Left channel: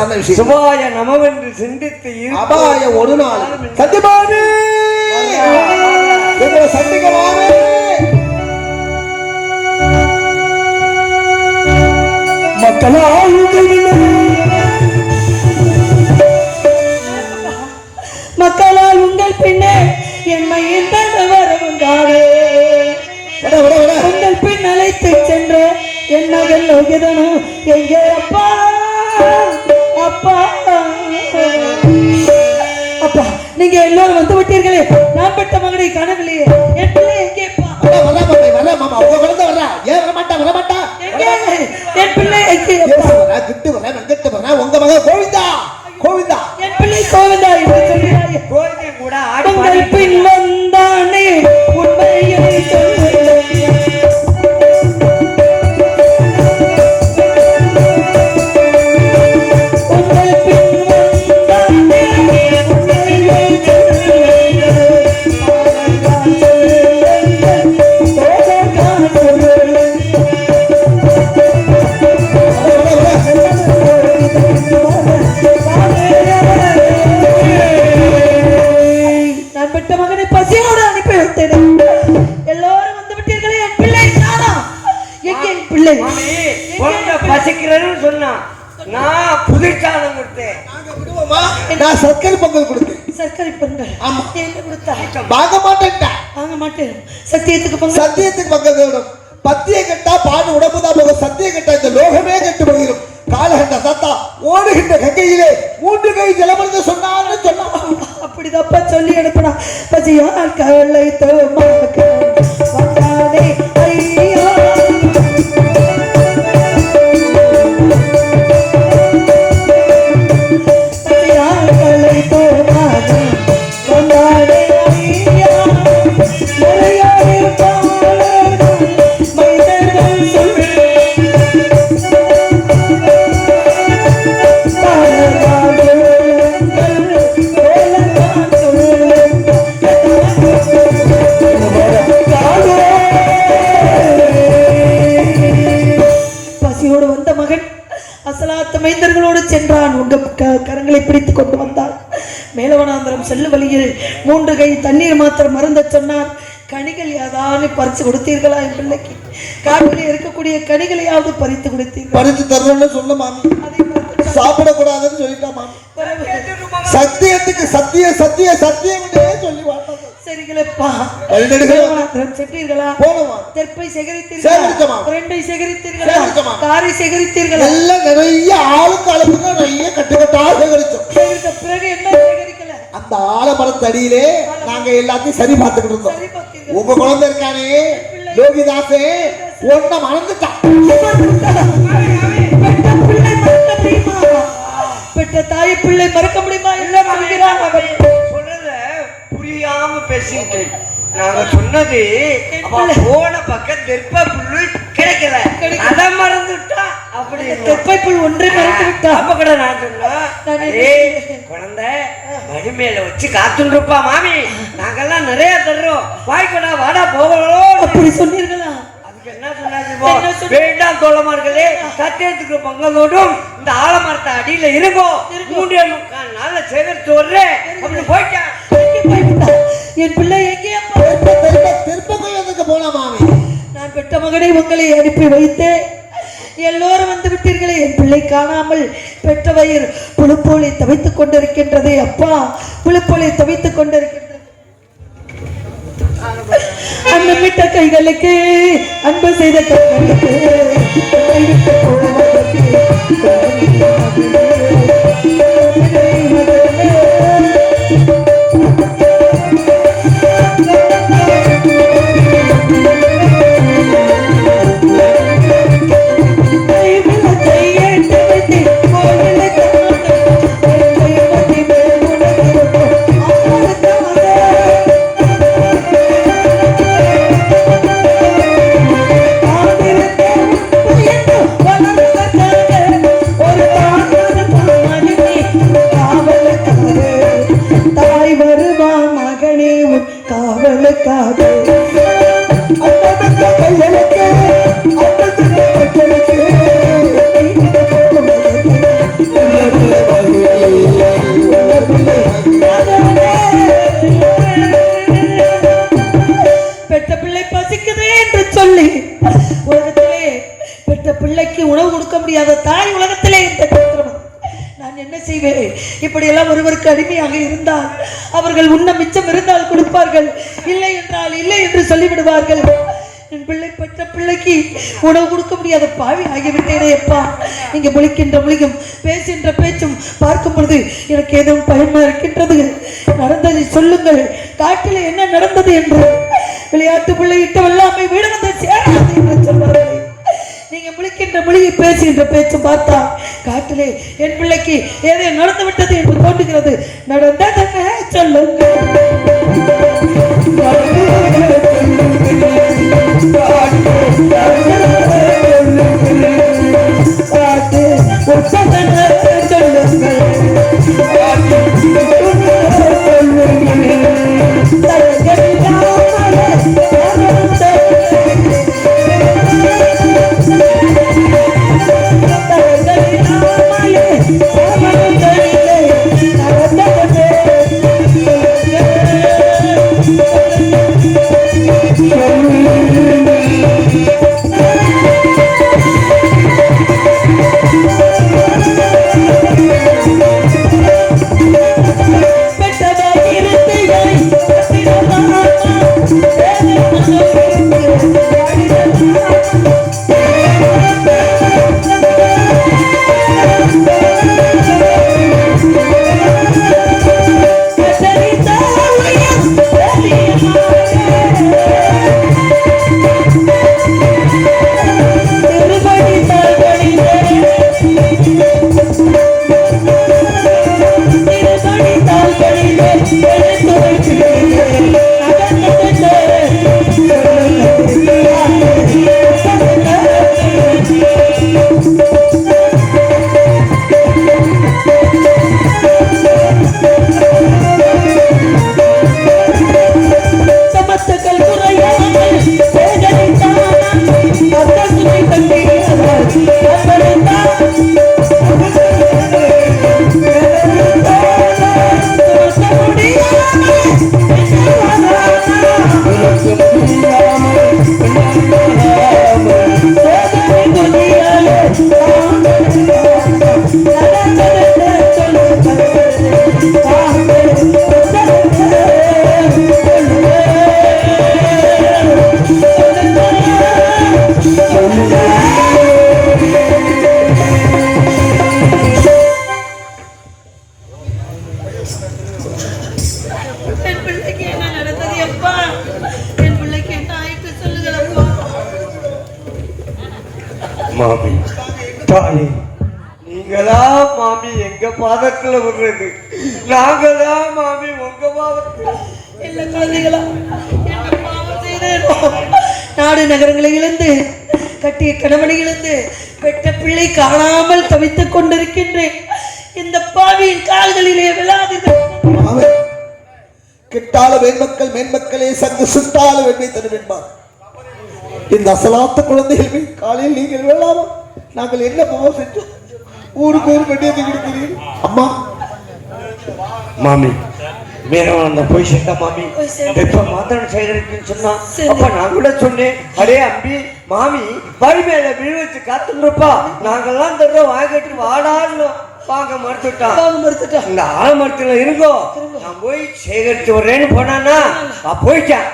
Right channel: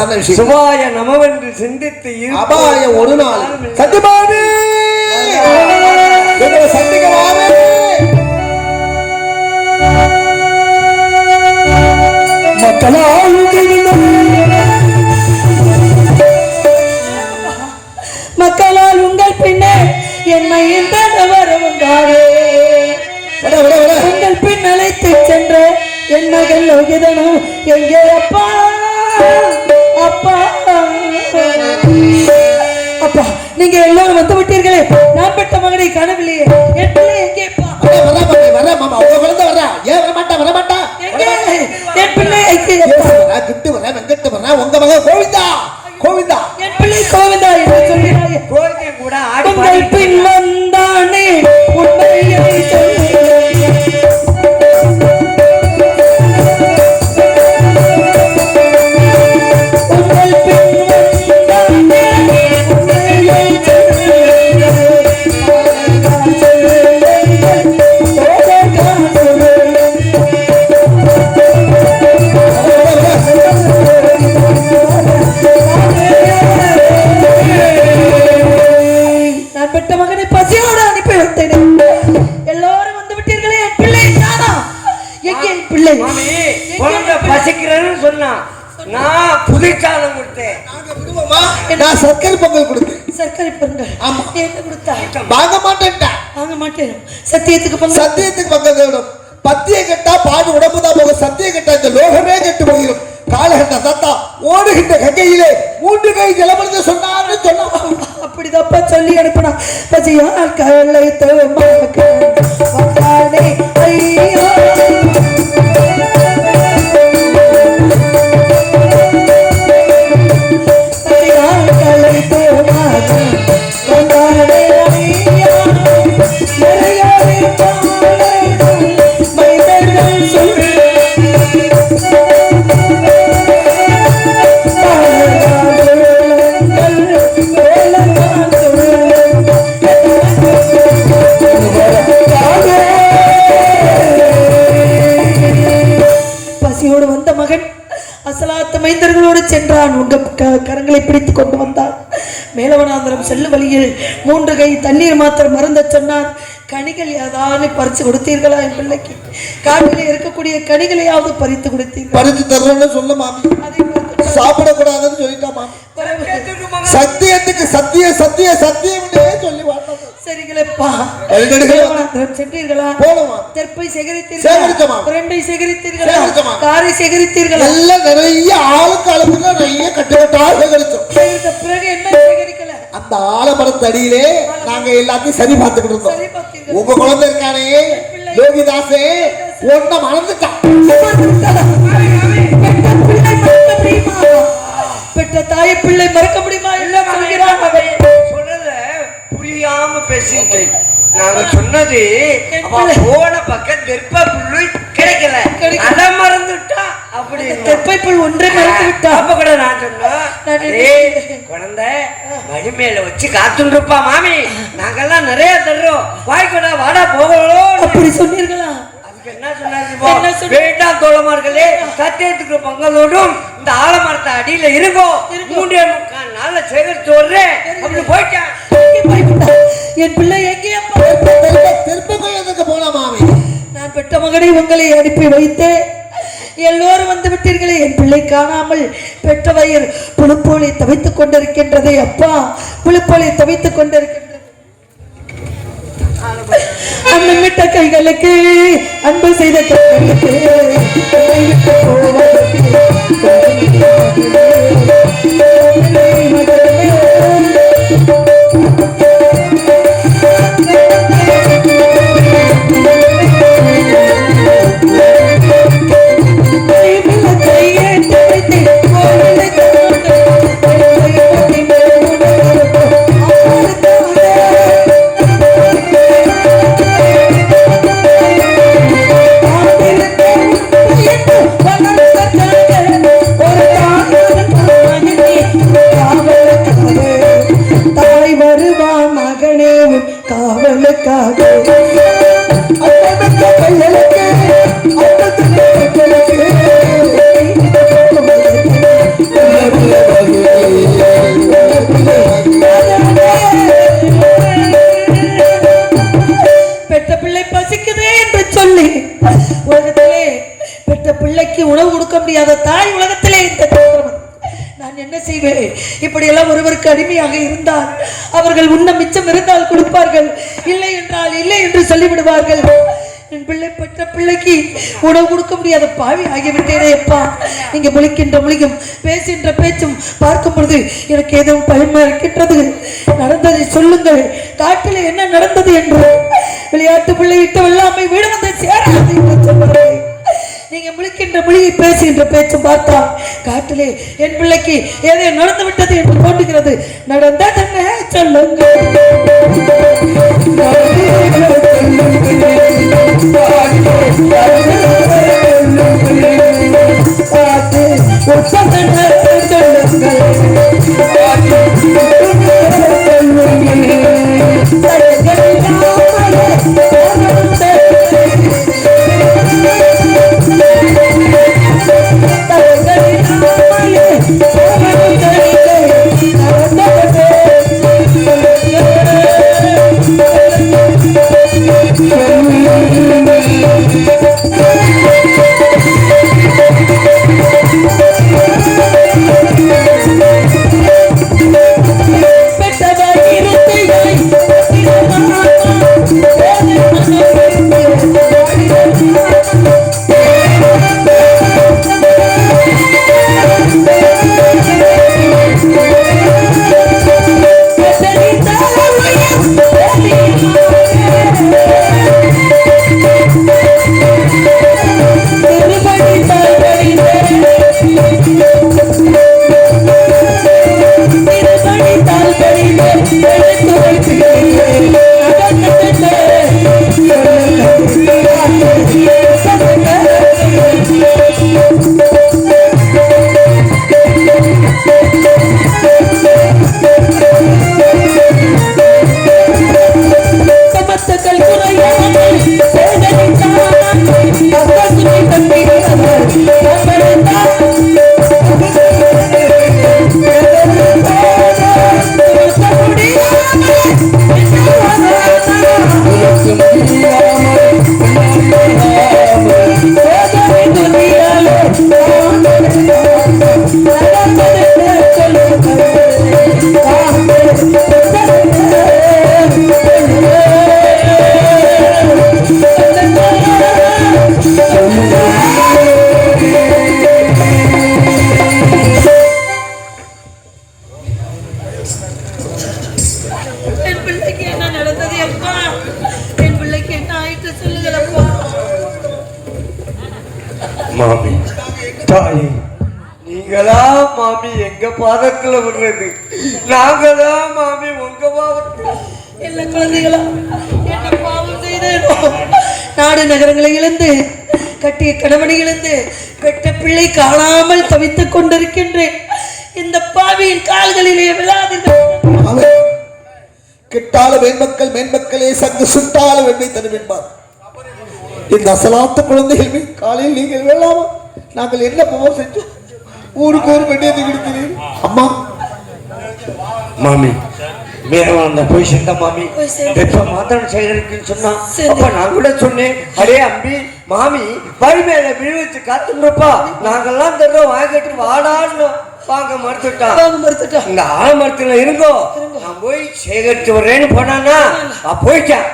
சாதாரண விஷயம் சிவாய நமவென்று சிந்தித்து. அபாய ஒரு நாள். சந்திக்கலாமே மக்களால் உங்கள் பின்னே என்னை விட விட உங்கள் பின் அழைத்து சென்ற என் எங்கே காணவில்லையே என் பிள்ளை எங்கே வர வர மாமா வர மாமா உங்க குழந்தை வர. ஏன் வர மாட்டா வர மாட்டா. எங்கே? என் பிள்ளை எங்கே கிட்டு வர வெங்கட்டு வர உங்க மகன் கோவிந்தா. பசியால் கவலை தோமாக்கு செல்லும் வழியில் மூன்று கை தண்ணீர் மாத்திரம் மருந்த சொன்னான் கனிகள் ஏதாவது பறித்து கொடுத்தீர்களா என் பிள்ளைக்கு? காட்டிலே இருக்கக்கூடிய கனிகளையாவது பறித்து கொடுத்தீர்கள்? பறித்து தர்றோம்னு சொல்ல மாமி. சாப்பிடக்கூடாதுன்னு சொல்லிட்டா மாமி. சத்தியத்துக்கு சத்திய சத்திய சத்தியம்னே சொல்லி சரிங்களப்பா. சென்றீர்களா தெற்பை சேகரித்தீர்களா? பிரண்டை சேகரித்தீர்களா? காரை சேகரித்தீர்களா? எல்லாம் நிறைய ஆளுக்கு அளவுக்கு அந்த ஆலமரத்து அடியிலே நாங்க எல்லாத்தையும் சரி பார்த்துக்கிட்டு இருந்தோம். உங்க குழந்தை இருக்கானே யோகிதாசே ஒன்ன மறந்துட்டான். பெற்ற தாய் பிள்ளை மறக்க முடியுமா? இல்ல சொல்றத புரியாம பேசிட்டு நாங்க சொன்னது போன பக்கம் தெற்ப வடிமேல வச்சு காத்துட்டு இருப்பா மாமி. நாங்கெல்லாம் நிறைய தர்றோம். வாய்க்கடா வாடா போகணும் அப்படி சொன்னீர்களா? வேண்டாம் தோழமார்களே சத்தியத்துக்கு பங்களோடும் இந்த ஆலமரத்தை அடியில இருக்கோம் மூன்றே முக்கால் நாள்ல சேகரித்து வர்றேன். அப்படி போயிட்டேன் என் பிள்ளை எங்கே? அப்பா திருப்ப நான் பெற்ற மகனை உங்களை அனுப்பி வைத்தேன். எல்லோரும் வந்து விட்டீர்களே. என் பிள்ளை காணாமல் பெற்ற வயிறு புழுப்போலை தவித்துக் கொண்டிருக்கின்றதே. அப்பா புழுப்போலை தவித்துக் கொண்டிருக்கின்றது. அன்னமிட்ட கைகளுக்கு அன்பு செய்த கைகளுக்கு. உணவு கொடுக்க முடியாத பாவி ஆகிவிட்டேனே அப்பா. நீங்க முழிக்கின்ற மொழியும் பேசுகின்ற பேச்சும் பார்க்கும் பொழுது எனக்கு ஏதோ பயமா இருக்கின்றது. நடந்ததை சொல்லுங்கள். காட்டில் என்ன நடந்தது என்று. விளையாட்டு பிள்ளை விட்டு வெள்ளாமை வீடு வந்து சேராது என்று சொன்னார்கள் நீங்க முழிக்கின்ற மொழியை பேசுகின்ற பேச்சு பார்த்தா காட்டிலே என் பிள்ளைக்கு ஏதோ நடந்து விட்டது என்று தோன்றுகிறது. நடந்ததென்ன சொல்லுங்கள். காட்டு ಒಪ್ಪಬೇಡ நீங்களா மாமி எங்க பாதத்துல விடுறது. நாங்களா மாமி உங்க பாதத்துல என்ன குழந்தைகளா? என்ன பாவம் செய்தேனோ? நாடு நகரங்களை இழந்து கட்டிய கணவனை இழந்து பெற்ற பிள்ளை காணாமல் தவித்துக் கொண்டிருக்கின்றேன். இந்த பாவியின் கால்களிலே விழாதீர்கள் கிட்டால மேன்மக்கள் மேன்மக்களே சங்கு சுட்டால வெண்ணை தரும் என்பார். இந்த அசலாத்த குழந்தைகள் காலையில் நீங்கள் வேளாமா நாங்கள் என்ன பாவம் செஞ்சோம் ஊருக்கு ஒரு வெண்ணியத்தை கொடுக்கிறீர்கள் அம்மா. மாமி மேலும் அந்த போய் சேர்ந்தா மாமி. வெப்ப மாத்திரம் செய்திருக்குன்னு சொன்னா. அப்ப நான் கூட சொன்னேன். அடே அம்பி மாமி வறுமையில விழுவிச்சு காத்துருப்பா நாங்கெல்லாம் தர்றோம் வாங்கிட்டு வாடான்னு வாங்க மறுத்துட்டா. மறுத்துட்டா. இந்த ஆலமரத்துல இருங்கோ. நான் போய் சேகரித்து வரேன்னு போனானா நான் போயிட்டேன்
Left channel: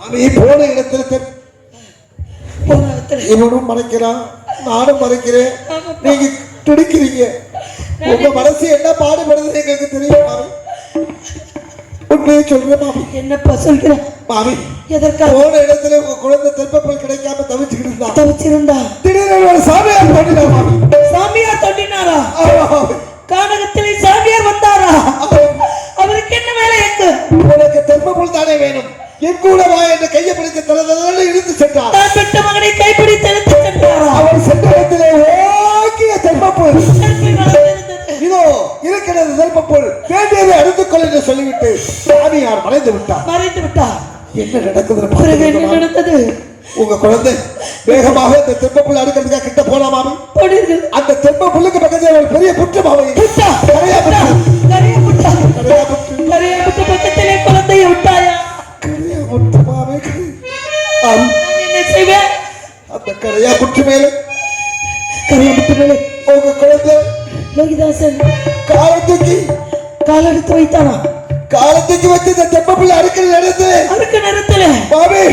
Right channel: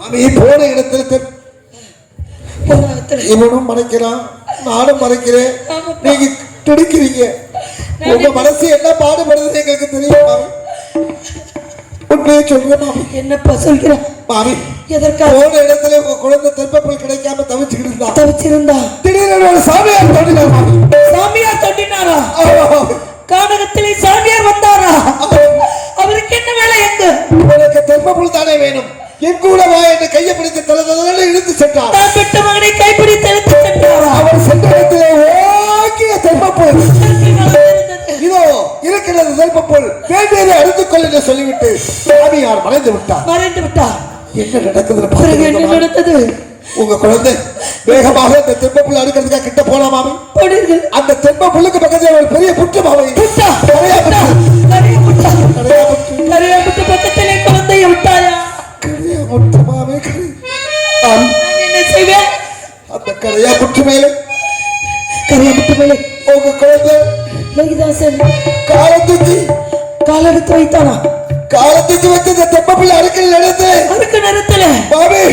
மாமி போன இடத்துல இவனும் மறைக்கிறான் நானும் மறைக்கிறேன். நீங்க துடிக்கிறீங்க உங்க மனசு என்ன பாடுபடுறது எங்களுக்கு தெரியும் மாமி. உண்மையை சொல்றேன் மாமி. என்னப்பா சொல்கிறான் மாமி எதற்காக? போன இடத்துல உங்க குழந்தை தென்பப்பல் கிடைக்காம தவிச்சுக்கிட்டு இருந்தா? தவிச்சிருந்தா? திடீர்னு சாமியார் தோன்றினார் மாமி. சாமியார் தொண்டினாரா ஆமா. கானகத்திலே சாமியார் வந்தாரா? அவருக்கு என்ன வேலை எங்க உனக்கு தென்பப்பல் தானே வேணும். என் கூட வா என்று கையை பிடித்து தலதலன்னு இழுத்து சென்றார். பெற்ற மகனை கைப்பிடித்து எடுத்து சென்றாரா? அவன் சென்ற இடத்திலே நடந்திருந்தது. இதோ இருக்கிறது தென்பப்பல் வேண்டியதை எடுத்துக் கொள் என்று சொல்லிவிட்டு சாமியார் மறைந்து விட்டார்? மறைந்து விட்டார். என்ன நடக்குது என்ன நடந்தது? உங்க குழந்தை வேகமாக அந்த தென்பப்புல் அடுக்கிறதுக்காக கிட்ட போலாமாமி போனீர்கள். அந்த தென்ப புல்லுக்கு பக்கத்தில் ஒரு பெரிய புற்று மாவை. புற்று புற்று குழந்தையை விட்டாயா? கரையா புற்று மாவை கரை. அந்த கரையா புற்று மேலே. கரிய புட்டு மேலே. உங்க குழந்தை லோகிதாசன் காலத்துக்கு காலெடுத்து வைத்தானா? காலத்துக்கு இந்த தெப்ப பிள்ளை அடுக்கல் நடந்து அதுக்கு நேரத்துல மாமி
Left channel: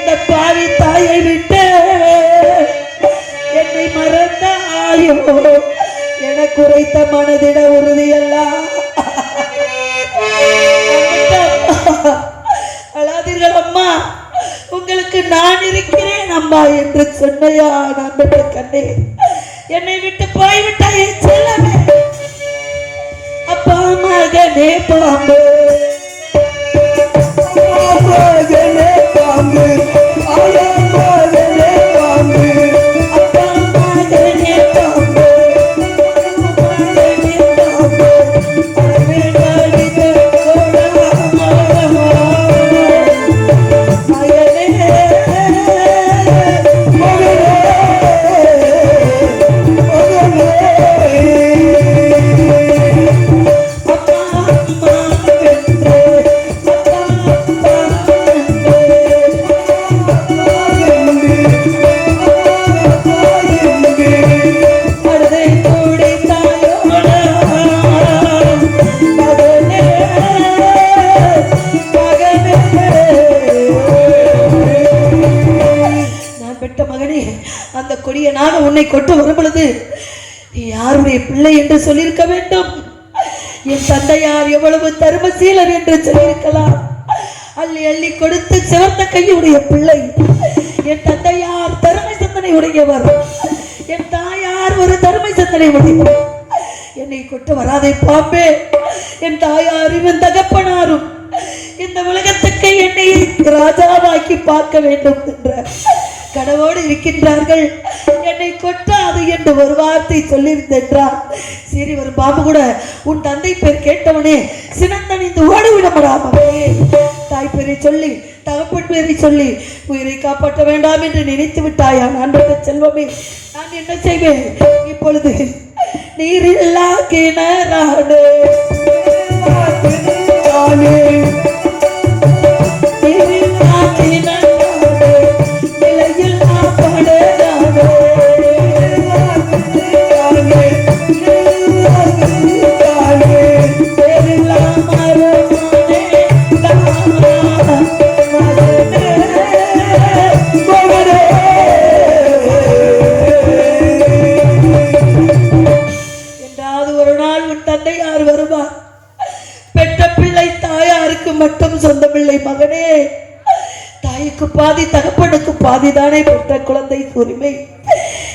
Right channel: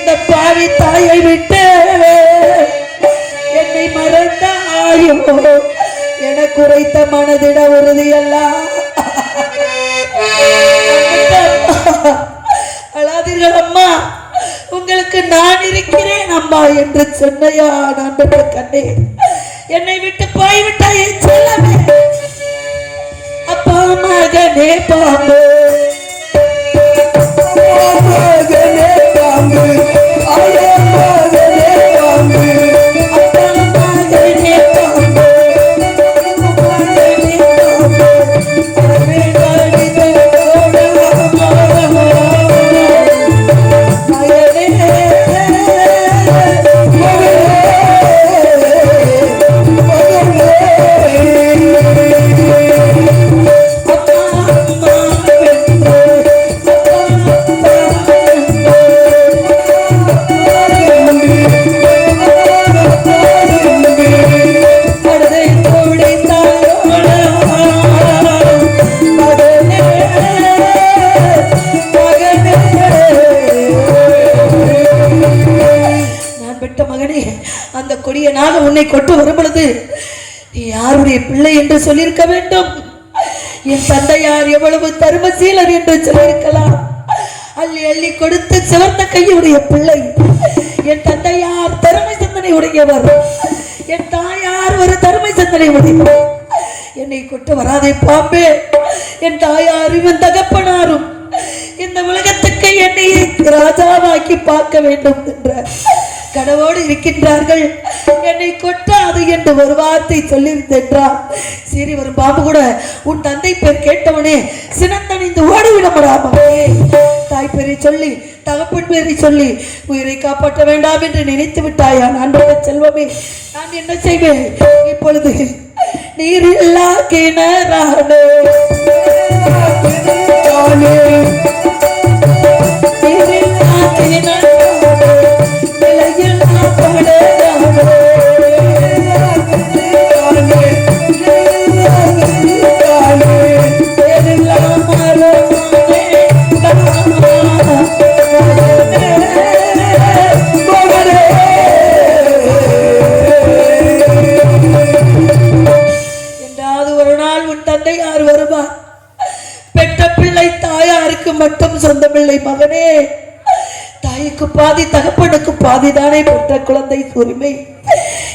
இந்த பாவி தாயை விட்டு என்னை மறந்தாயோ? எனக்கு உரைத்த மனதிட உறுதியெல்லாம் அழாதீர்கள் அம்மா. உங்களுக்கு நான் இருக்கிறேன் அம்மா என்று சொன்னையா நான் கண்ணே. என்னை விட்டு போய்விட்டாயே செல்லவே. அப்பா மகனே பாம்பு. பிள்ளை. என் தந்தையார் தருமை சிந்தனை உடையவர். என் தாயார் ஒரு தருமை சிந்தனை உடையவர். என்னை கொண்டு வராதே பாம்பே. என் தாயாரும் என் தகப்பனாரும் இந்த உலகத்துக்கு என்னை ராஜாவாக்கி பார்க்க வேண்டும் என்ற கனவோடு இருக்கின்றார்கள். என்னை கொட்டாது என்று ஒரு வார்த்தை சொல்லியிருந்தென்றார். சரி ஒரு பாம்பு கூட உன் தந்தை பேர் கேட்டவனே சினந்தணிந்து ஓடிவிடப்படாமே தாய் பேரை சொல்லி தகப்பன் பேரை சொல்லி உயிரை காப்பாற்ற வேண்டாம் என்று நினைத்து விட்டாயா? நான் செல்வமே நான் என்ன செய்வேன்? இப்பொழுது நீர் இல்லா கிணறானே தாய்க்கு பாதி தகப்பனுக்கு பாதி தானே பெற்ற குழந்தை உரிமை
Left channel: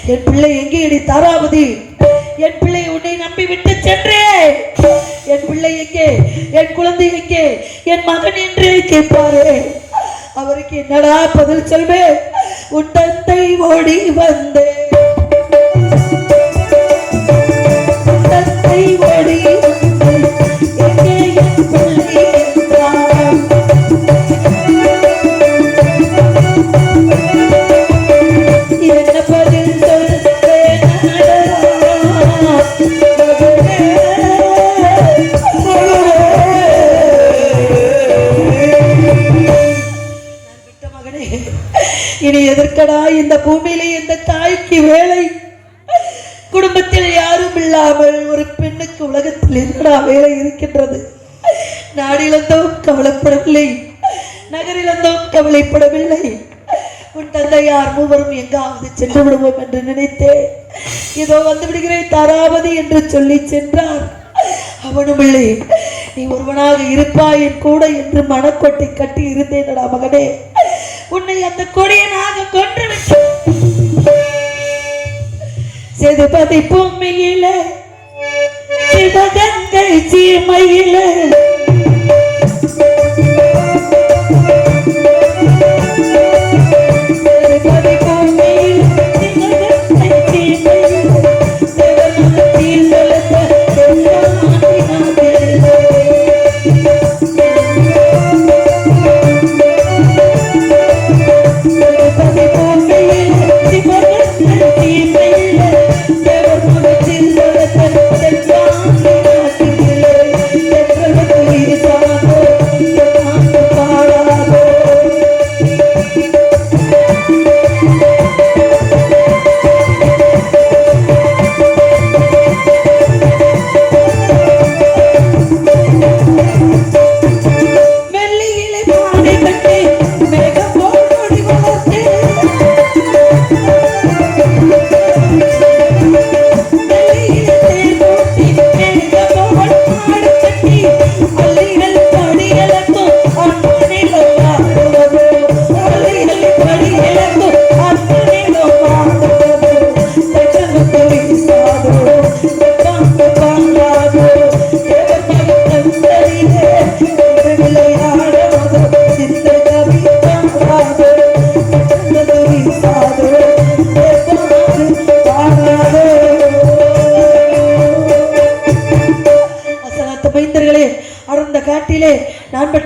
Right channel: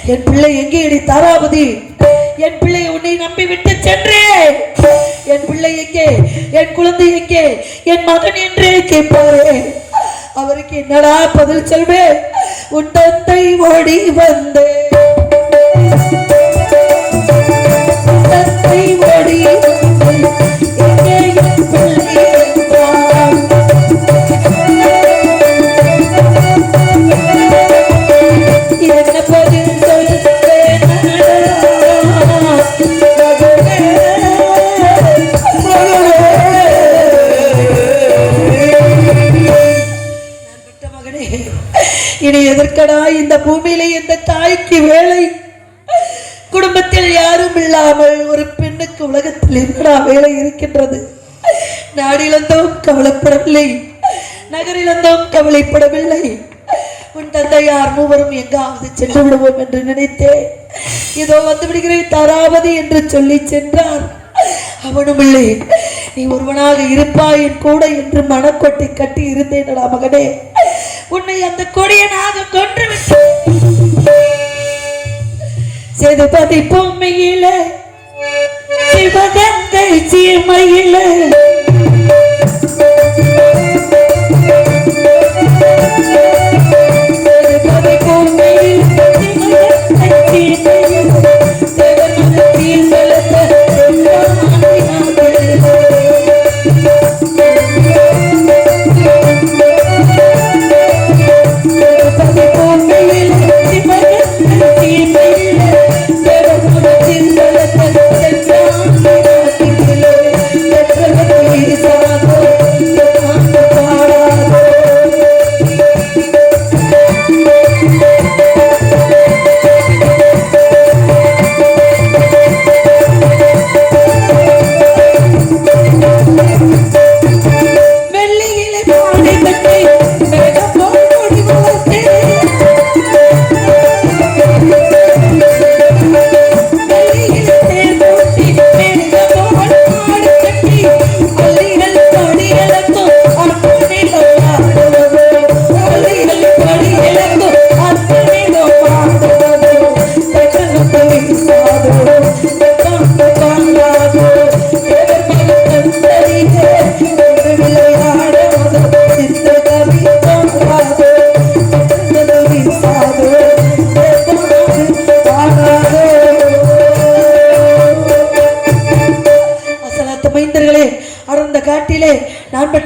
என் பிள்ளை எங்கே அடி தாராபதி? என் பிள்ளை உன்னை நம்பி விட்டு சென்றேன் என் பிள்ளை எங்கே? என் குழந்தை எங்கே? என் மகன் என்றே கேட்பாரே. அவருக்கு என்னடா பதில் சொல்வேன்? உன் தந்தை ஓடி வந்தேன் இருக்கடா இந்த பூமியில இந்த தாய்க்கு வேலை. குடும்பத்தில் யாரும் இல்லாமல் ஒரு பெண்ணுக்கு உலகத்தில் என்னடா வேலை இருக்கின்றது? நாடிலந்தும் கவலைப்படவில்லை. நகரிலந்தும் கவலைப்படவில்லை. உன் தந்தையார் மூவரும் எங்காவது சென்று விடுவோம் என்று நினைத்தேன். இதோ வந்து விடுகிறேன் தராவது என்று சொல்லி சென்றார். அவனும் இல்லை. நீ ஒருவனாக இருப்பாய் என் கூட என்று மனக்கொட்டை கட்டி இருந்தேனடா மகனே. உன்னை அந்த கொடியனாக கொன்று விட்டேன் சேதுபதி பொம்மையில சிவகங்கை சீமையில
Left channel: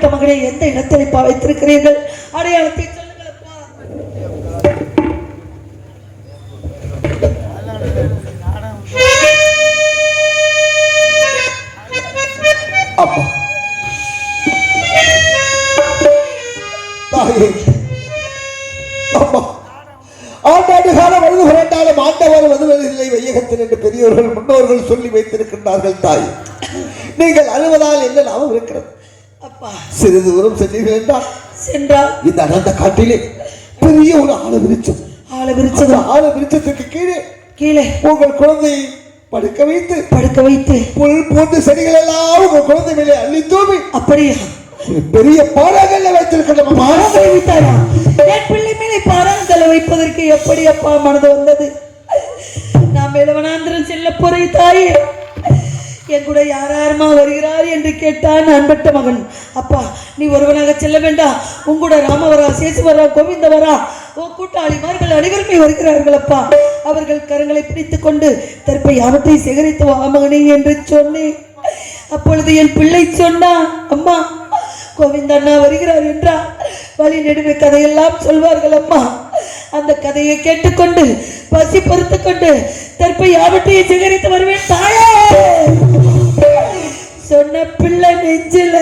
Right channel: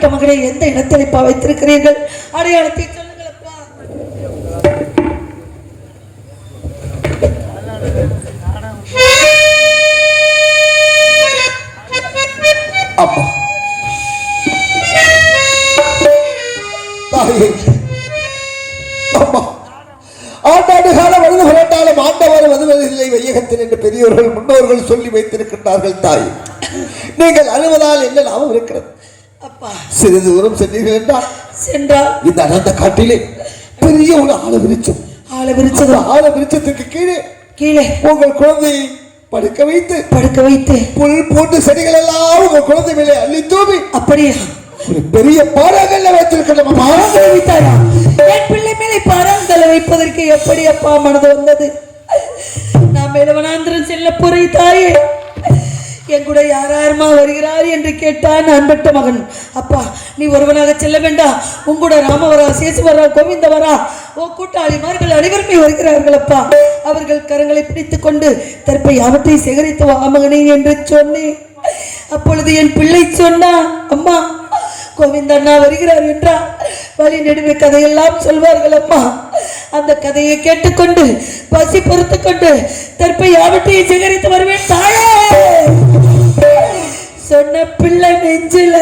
நான் மகனை எந்த இடத்தில் இப்ப வைத்திருக்கிறீர்கள் அடையாளத்தை சிறிது தூரம் சென்றீர்கள் என்றால் சென்றால் இந்த அடர்ந்த காட்டிலே பெரிய ஒரு ஆழ விரிச்சம் ஆளை விரிச்சது அந்த ஆழ விரிச்சத்துக்கு கீழே கீழே உங்கள் குழந்தையை படுக்க வைத்து படுக்க வைத்து புல் போட்டு செடிகள் எல்லாம் உங்கள் குழந்தை மேலே அள்ளி தூவி அப்படியே? பெரிய பாறாங்கல்ல வைத்திருக்கின்ற பாரங்களை வைத்தாரா? என் பிள்ளை மேலே பாரங்களை வைப்பதற்கு எப்படி அப்பா மனது வந்தது? நான் மேலவனாந்திரம் செல்ல போறே தாயே. என் கூட யார் யாருமா வருகிறார் என்று கேட்டான் அன்பட்ட மகன். அப்பா நீ ஒருவனாக செல்ல வேண்டாம் உங்கூட ராமவரா சேசுவரா கோவிந்தவரா ஓ கூட்டாளிமார்கள் அனைவருமே வருகிறார்கள் அப்பா. அவர்கள் கரங்களை பிடித்துக் கொண்டு தற்பை அவற்றை சேகரித்து வா மகனே என்று சொன்னேன். அப்பொழுது என் பிள்ளை சொன்னா அம்மா கோவிந்தண்ணா வருகிறார் என்றா வழி நெடுவே கதையெல்லாம் சொல்வார்கள் அம்மா. அந்த கதையை கேட்டுக்கொண்டு பசி பொறுத்து கொண்டு தற்பை யாவற்றையும் சேகரித்து வருவேன் தாயே! சொன்ன பிள்ளை நெஞ்சில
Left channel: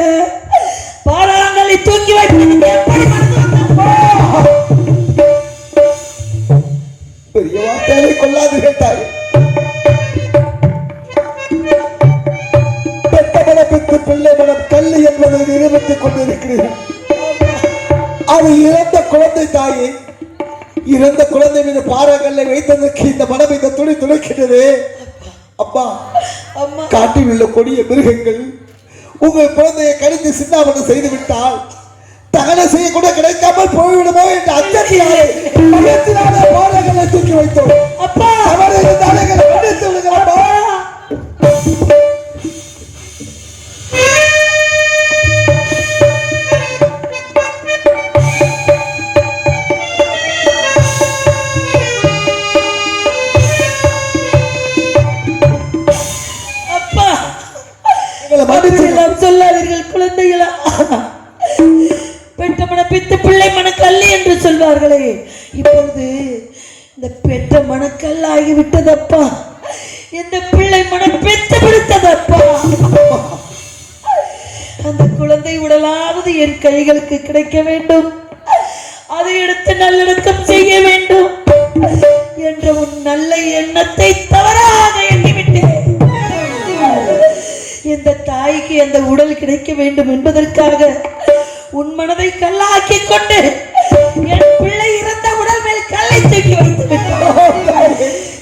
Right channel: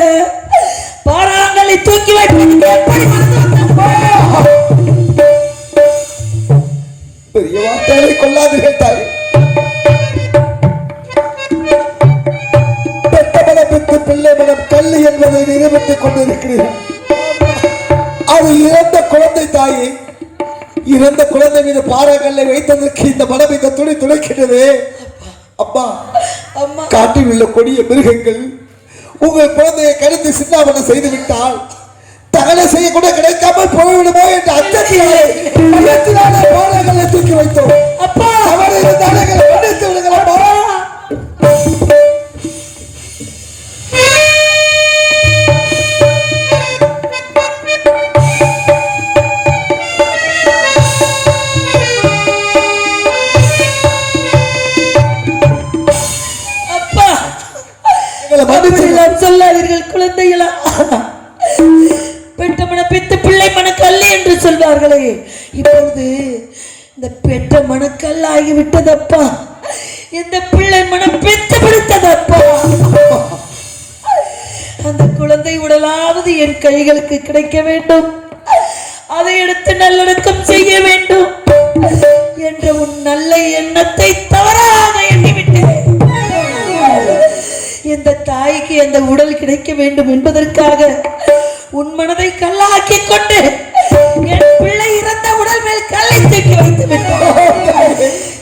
பாறாங்களை தூக்கி வைப்பதற்கு கொள்ளாதீர்கள் தாய். பிள்ளை மனம் கல்லு என்பதை நிரூபித்துக் கொண்டிருக்கிறேன் அது இறந்த குழந்தை தாயே. இறந்த குழந்தை மீது பாறாங்கல்லை வைத்ததற்கு இந்த மனம் இந்த துணி துளைக்கின்றது. அப்பா காட்டில் உள்ள கொடிய மிருகங்கள் உங்கள் குழந்தையை கடித்து சின்னாமணம் செய்து விட்டால் தானம் செய்ய கூட கிடைக்காமல் போய்விடுமோ என்ற உள்ளத்திலான பாடங்களை தூக்கி வைத்தோம். அப்பா. குழந்தைகளா. பெற்ற மன பெத்த பிள்ளை மனக்கல்ல என்று சொல்வார்களே. இப்பொழுது இந்த பெற்ற மனக்கல் ஆகிவிட்டதப்பா. இந்த பிள்ளை மனம் பெற்று விடுத்ததப்பா. அந்த குழந்தை உடலாவது என் கைகளுக்கு கிடைக்க வேண்டும். அதை எடுத்து நல்லடக்கம் செய்ய வேண்டும். என்ற உன் நல்ல எண்ணத்தை இந்த தாய்க்கு அந்த உடல் கிடைக்க வேண்டும் என்பதற்காக உன் மனதை கல்லாக்கி கொண்டு என் பிள்ளை இறந்த உடல் மேல் கல்லை தூக்கி வைத்து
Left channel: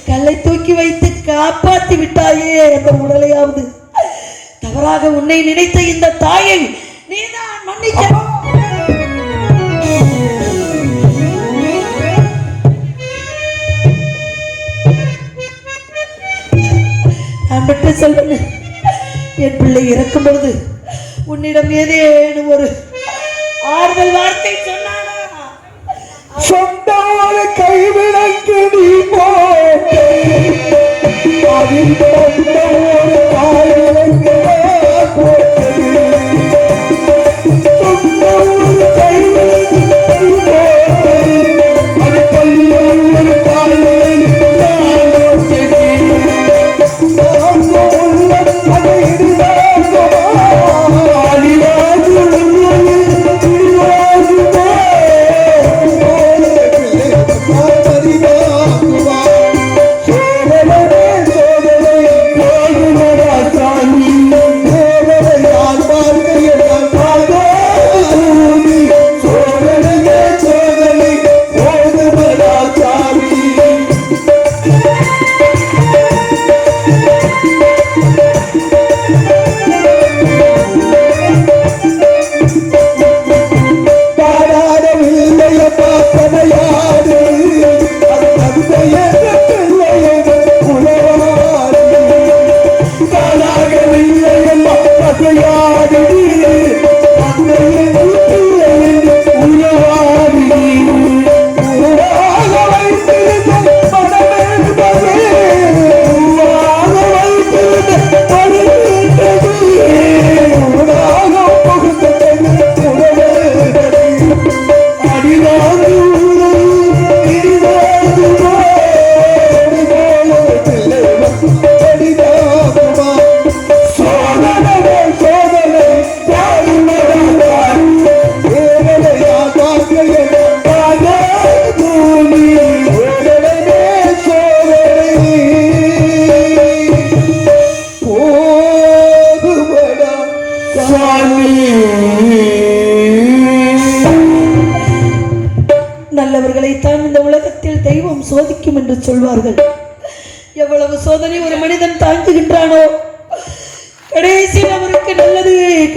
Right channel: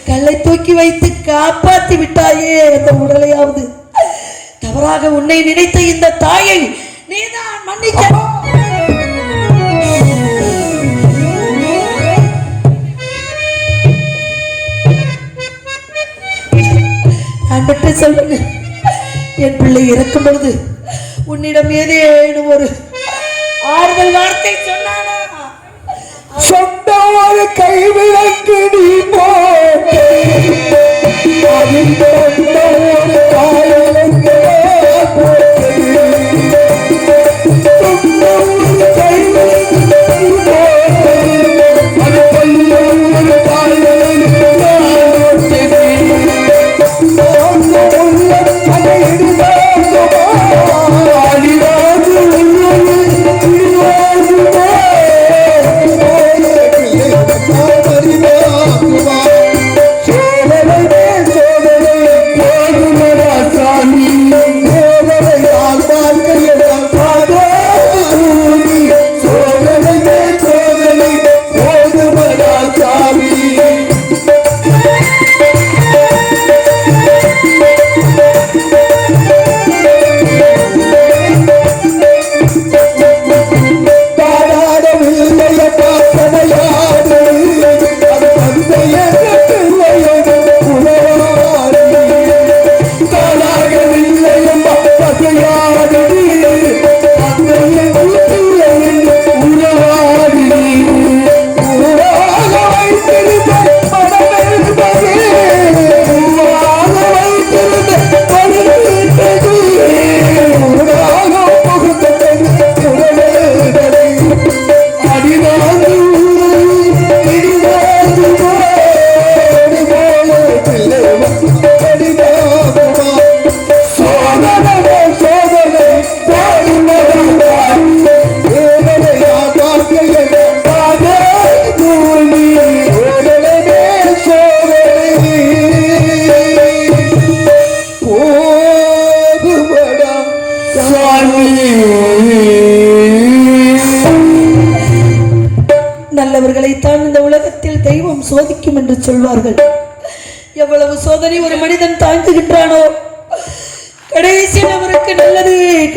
கல்லை தூக்கி வைத்து காப்பாத்தி விட்டாயே அந்த உடலையாவது. தவறாக உன்னை நினைத்த இந்த தாயை நீதான் மன்னிக்கணும் நான் மட்டும் சொல்லுங்க என் பிள்ளை இருக்கும் பொழுது உன்னிடம் ஏதேனும் ஒரு ஆறுதல் வார்த்தை சொன்னானா? சொந்தார கைவிளக்கு நீ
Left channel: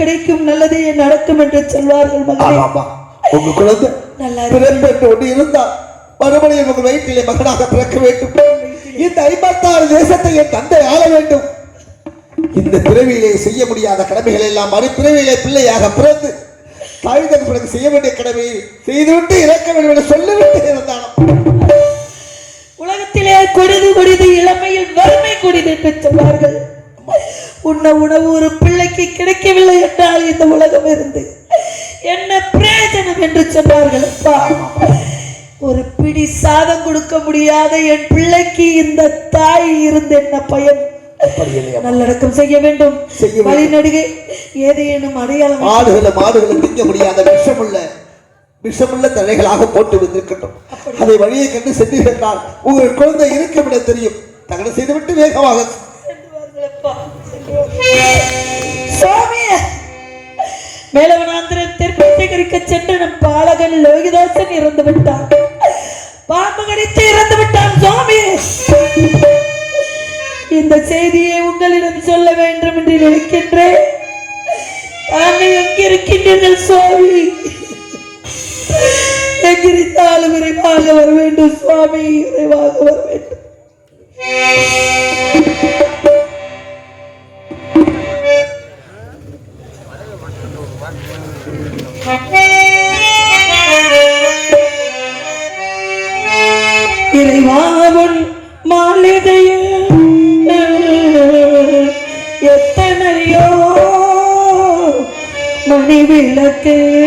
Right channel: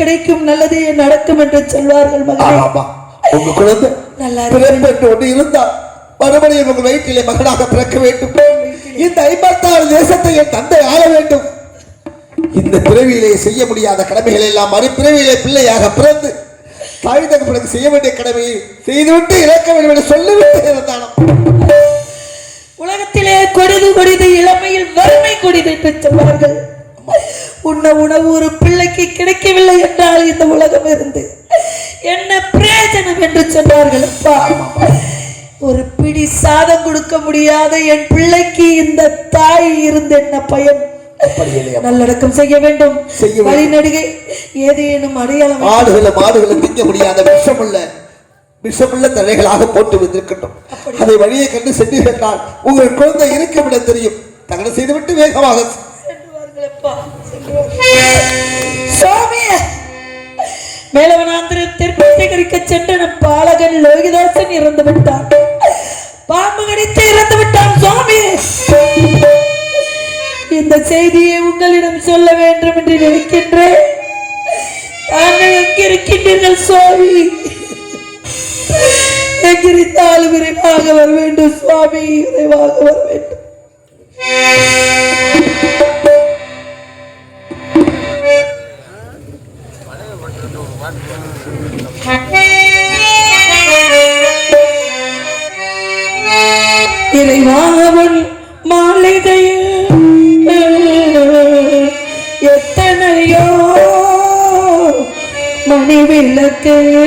கிடைக்கும் நல்லது நடக்கும் என்று சொல்வார்கள் மகனே. உங்க குழந்தை நல்லா ஒன்று இருந்தால் மறுபடியும் உங்கள் வயிற்றிலே மகனாக பிறக்க வேண்டும். இந்த ஐம்பத்தாறு தேசத்தை என் தந்தை ஆள வேண்டும். இந்த பிறவியிலே செய்ய முடியாத கடமைகள் எல்லாம் மறுபிறவியிலே பிள்ளையாக பிறந்து தாய் தகப்பனுக்கு செய்ய வேண்டிய கடமையை செய்துவிட்டு இறக்க வேண்டும் என்று சொல்லிவிட்டு இருந்தான். உலகத்திலே கொடிது கொடிது இளமையில் வறுமை கொடிது என்று சொல்வார்கள். உண்ண உணவு ஒரு பிள்ளைக்கு கிடைக்கவில்லை என்றால் இந்த உலகம் இருந்து என்ன பிரயோஜனம் என்று சொன்னார்கள் அப்பா? ஒரு பிடி சாதம் கொடுக்க முடியாத என் பிள்ளைக்கு இந்த தாய் இருந்து என்ன இல்லையா? நல்லடக்கம் செய்ய வேண்டும். வேண்டும். வழிநடிகை ஏதேனும் அடையாளம் ஆடுகளை மாடுகளை திங்க முடியாத விஷமுள்ள விஷமுள்ள தலைகளாக போட்டு வந்திருக்கட்டும் அதை வழியை கண்டு சென்று சென்றால் உங்கள் குழந்தை இருக்கும் இடம் தெரியும். தகன செய்துவிட்டு வேகமாக செல்வார்களப்பா, செல்வார்கள். சுவாமியே சேகரிக்க சென்ற பாலகன் லோகிதாசன் இறந்து விட்டான். பாம்பு கடித்து இறந்து விட்டான் சுவாமி இந்த செய்தியை உங்களிடம் சொல்ல வேண்டும் என்று நினைக்கின்றேன். தாங்கள் எங்கிருக்கின்றீர்கள் சுவாமி? எங்கிருந்தாலும் விரைவாக வர வேண்டும் சுவாமி விரைவாக வர வேண்டும். que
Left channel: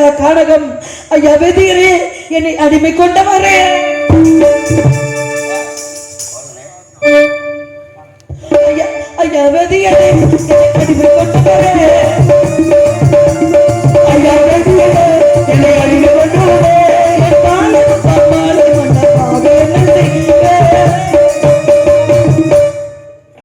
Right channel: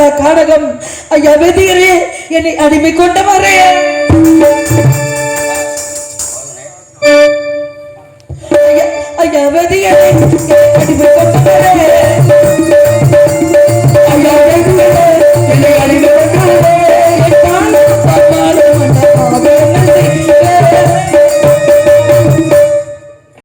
ആ കാടകം യവതിയരെ എന്നെ അടിമക്കൊണ്ടവറേ